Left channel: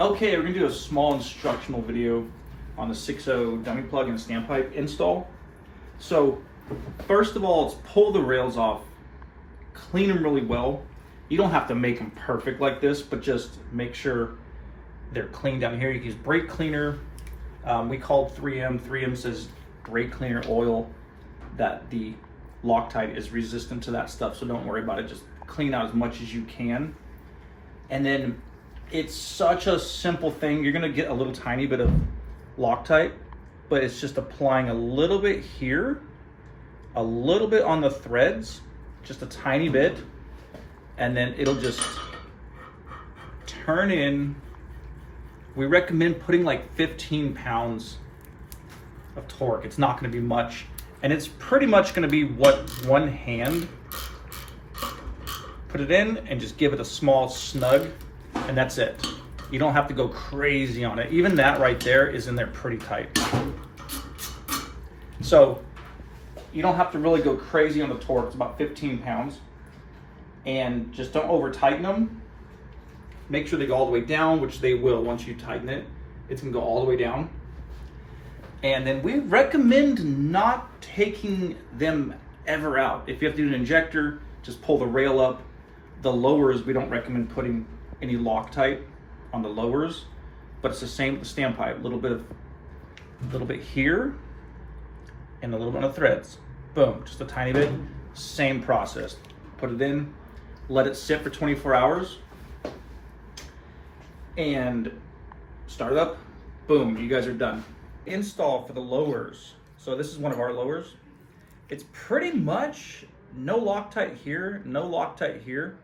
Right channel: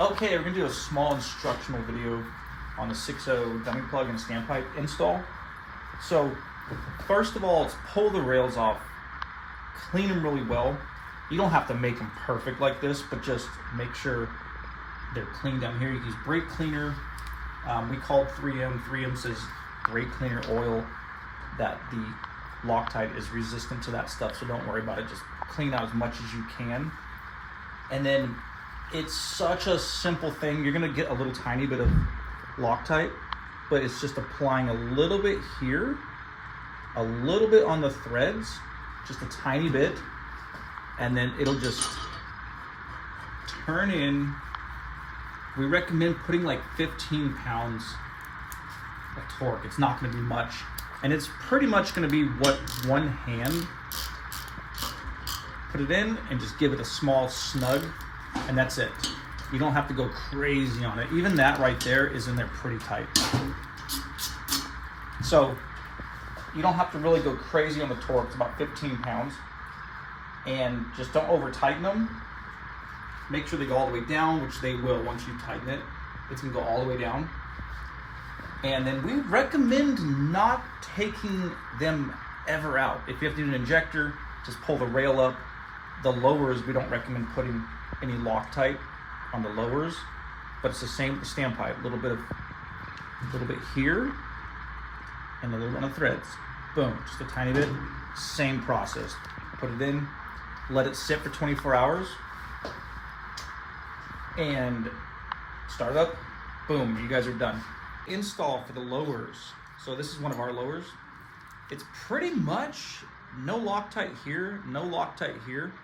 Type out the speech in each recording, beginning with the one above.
Okay, we're gonna do a small instructional video on the 6.0 dummy plug and standpipe install. So first of all, let's pull the rails off, clean them really well. You don't have to make them perfect like this, but just make sure they're clean down here. You can use brake cleaner. We called 3M. 3M says brake cleaner oil, that the Loctite is resistant to that stuff, so don't worry about it. Just clean out as much as you can. And then it's such a simple thing. You're gonna get a little tiny bit of Loctite, but it's just applying a little bit here, a little bit on the threads, just a tiny bit, and then it'll just turn in. We recommend putting like 15 pounds of torque. It's not gonna be much. And it's pretty much gonna be what one hand, put it in and just give it a small snug, and that's it. You don't have to go crazy on it. Even that right there is in there pretty tight. So you don't have to really go crazy on the torque. It's about 15 pounds. And just don't over tighten them. Make sure they go all the way down, which they will once you tighten it. It's gonna go all the way down. And then we recommend not taking them ever out. If you have to do an injector, just pull the rail up. The lowers, we don't recommend putting any Loctite on the lowers, but it's the same with the standpipe. A little bit here, and a little bit on the threads. Boom, just a tiny bit. Same process. Put it in, let it sit for 24 hours, and start it up. Boom, you guys are done. Install for the lowers. So this is one of our lowers. It's pretty much no Loctite here, no Loctite here.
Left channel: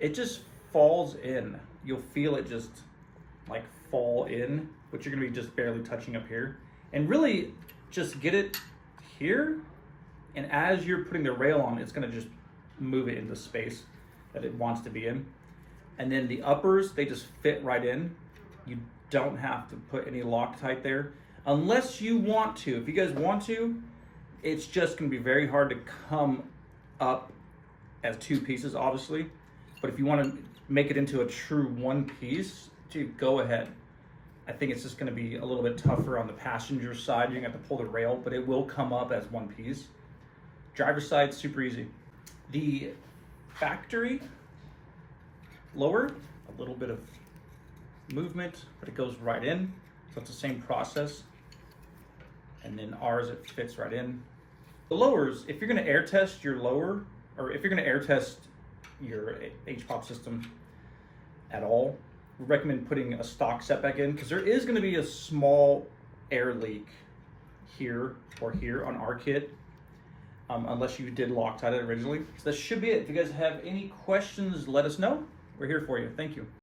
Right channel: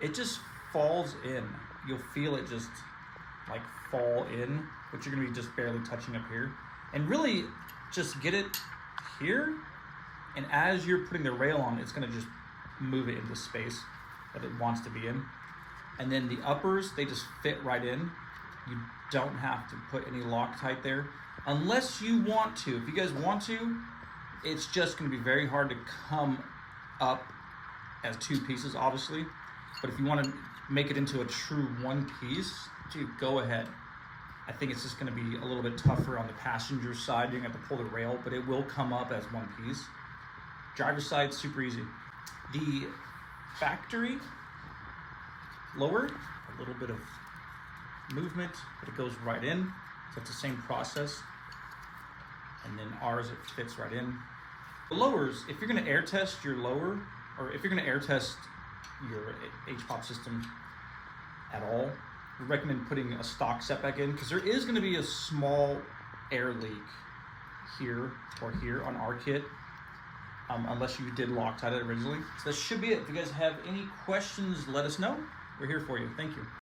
It just falls in. You'll feel it just like fall in, but you're gonna be just barely touching up here. And really just get it here, and as you're putting the rail on, it's gonna just move it into space that it wants to be in. And then the uppers, they just fit right in. You don't have to put any Loctite there unless you want to. If you guys want to, it's just gonna be very hard to come up as two pieces, obviously. But if you want to make it into a true one piece, dude, go ahead. I think it's just going to be a little bit tougher on the passenger side. You're going to have to pull the rail, but it will come up as one piece. Driver's side, super easy. The factory lower, a little bit of movement, but it goes right in. So it's the same process. And then ours, it fits right in. The lowers, if you're going to air test your lower, or if you're going to air test your HPOP system at all, we recommend putting a stock set back in, because there is going to be a small air leak here or here on our kit, unless you did Loctite it originally. So that should be it. If you guys have any questions, let us know. We're here for you. Thank you.